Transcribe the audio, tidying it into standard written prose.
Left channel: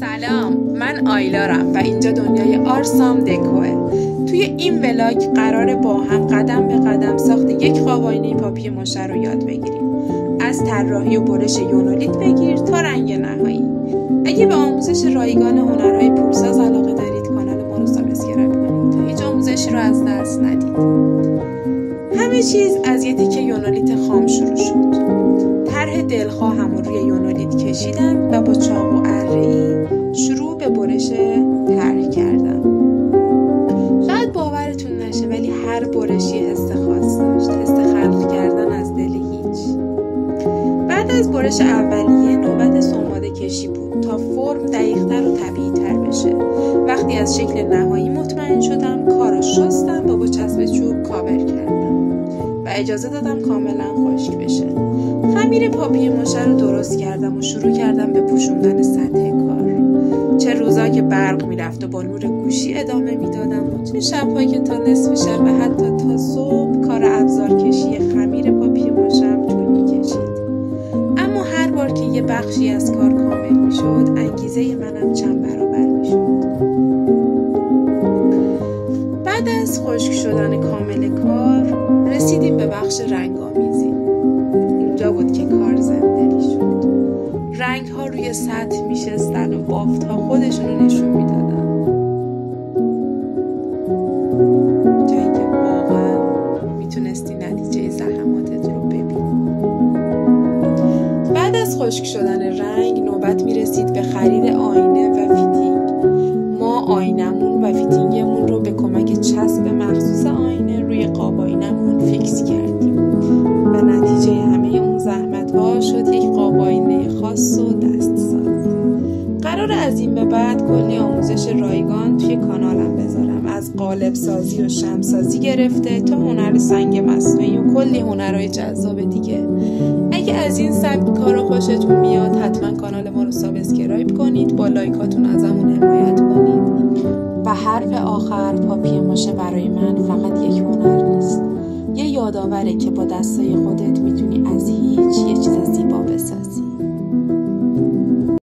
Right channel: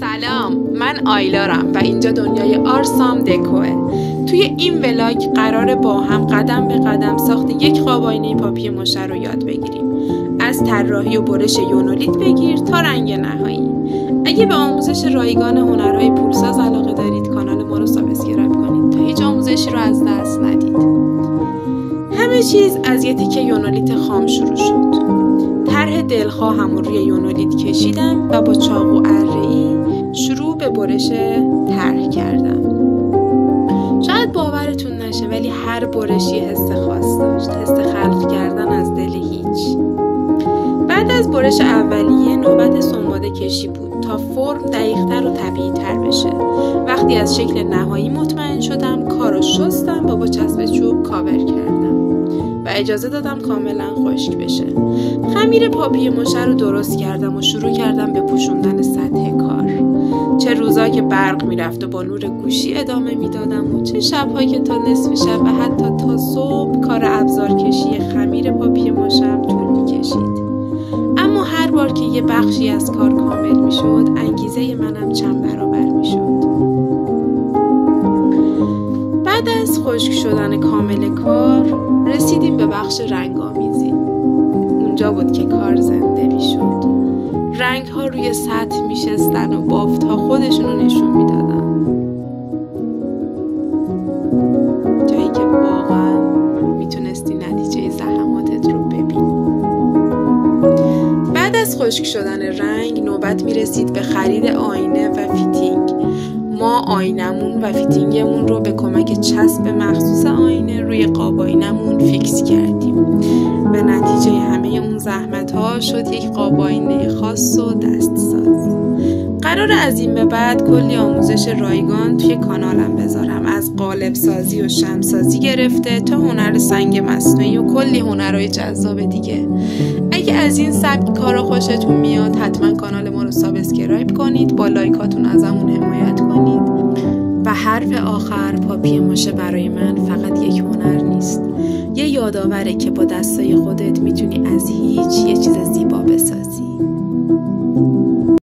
سلام، من آیلارم و اینجا دنیای آرسام دکوه. توی این ولاگ قراره با هم قدم به قدم ساخت یک قاب آینه پاپی ماشه رو یاد بگیریم. از طراحی و برش یونولیت بگیر تا رنگ نهایی. اگه به آموزش رایگان هنرهای پولساز علاقه دارید کانال ما رو سابسکرایب کنید تا هیچ آموزشی رو از دست ندید. همه چیز از یه تیکه یونولیت خام شروع شد. طرح دلخواهم رو روی یونولیت کشیدم و با چاقو اره‌ای شروع به برش طرح کردم. شاید باورتون نشه ولی هر برشی حس خاص داشت، حس خلق کردن از دل هیچ. بعد از برش اولیه نوبت سنباده کشی بود تا فرم دقیق‌تر و طبیعی‌تر بشه. وقتی از شکل نهایی مطمئن شدم کارو شستم و با چسب چوب کاور کردم و اجازه دادم کاملا خشک بشه. خمیر پاپی ماشه رو درست کردم و شروع کردم به پوشوندن سطح کار. چه روزا که برق میرفت و با نور گوشی ادامه میدادم و چه شب‌ها که تا نصف شب و حتی تا صبح کار ابزار کشی خمیر پاپی ماشه‌ام طول میکشید. اما هر بار که یه بخشی از کار کامل میشد انگیزه منم چند برابر میشد. بعد از خشک شدن کامل کار رسیدیم به بخش رنگ‌آمیزی. اونجا بود که کار زنده میشد. رنگ‌ها روی سطح میشستن و بافت‌ها خودشونو نشون میدادن. جایی که واقعا میتونستی نتیجه زحماتت رو ببینی. بعد از خشک شدن رنگ نوبت میرسید به خرید آینه و فیتینگ. ما آینمون و فیتینگمون رو به کمک چسب مخصوص آینه روی قاب آینمون فیکس کردیم و نتیجه همه اون زحمت‌ها شد یک قاب آینه خاص و دستساز. قراره از این به بعد کلی آموزش رایگان توی کانالم بذارم، از قالب سازی و شمع سازی گرفته تا هنر سنگ مصنوعی و کلی هنرهای جذاب دیگه. اگه از این سبک کارا خوشتون میاد حتما کانال ما رو سابسکرایب کنید، با لایکاتون ازمون حمایت کنید. و حرف آخر، پاپی ماشه برای من فقط یک هنر نیست، یه یادآوره که با دستای خودت میتونی از هیچ یه چیز زیبا بسازی.